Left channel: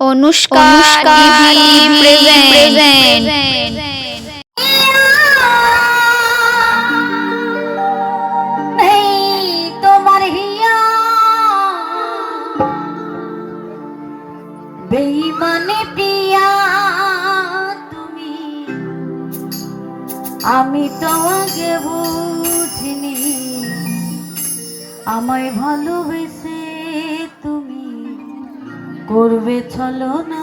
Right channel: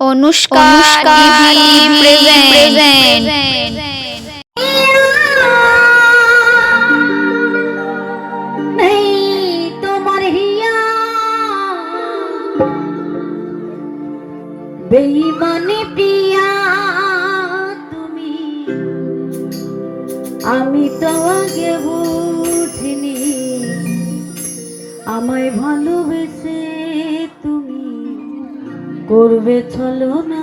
Anushka present বেইমানে প্রিয়া তুমি আমি তো তোমাকে বুঝিনি আমায় ভালো করবে ছলনা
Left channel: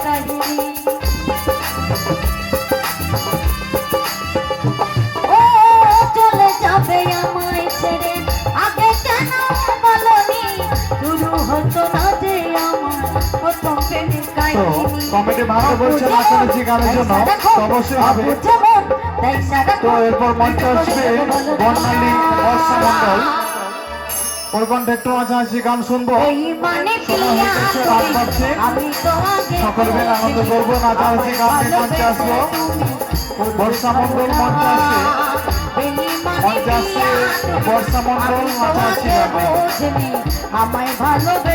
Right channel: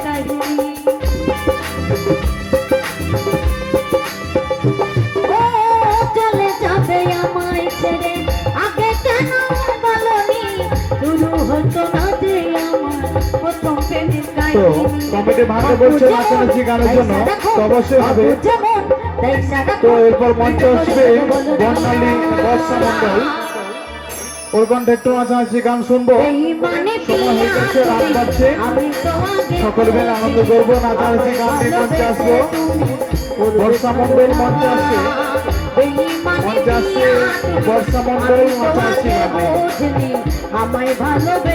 তো কমিটি ভাঙতে বলছে নাচনের গানের জন্য। অবশ্যই হবে। তো এরপর মঞ্চে আসবে বর্ণালী বর্ষমন্ডল। ওর কণ্ঠে একটু নাচানাচি গান শুনব। সকল বেলা আনন্দ করব নাচানাচি গান নিয়ে মঞ্চে আসব। বর্ষামন্ডল মঞ্চে আসছে মঞ্চে আসছে বর্ষামন্ডল নাচানাচি গান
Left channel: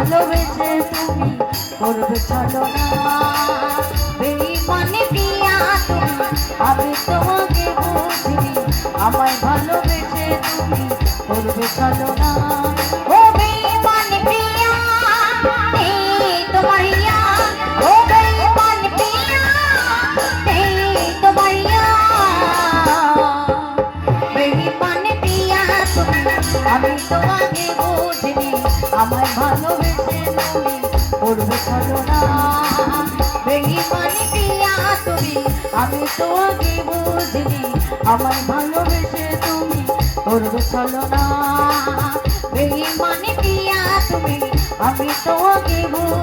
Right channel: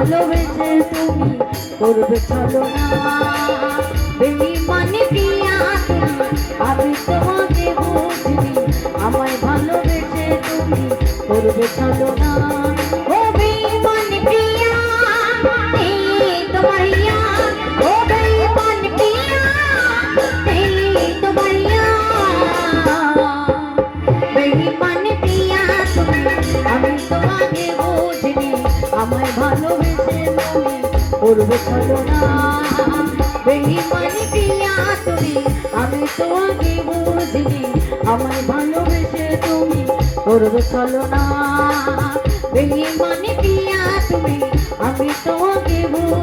ভালোবেসে তুমি করবে ছাড়ো না। বেইমানি প্রিয়া তুমি আমি তোমাকে বুঝিনি আমায় ভালোবেসে তুমি করবে ছাড়ো করবে বেইমানি প্রিয়া তুমি আমি তোমাকে বুঝিনি আমার ভালোবেসে তুমি করবে চলো না বেইমানি পিয়া তুমি আমি তোমাকে বুঝিনি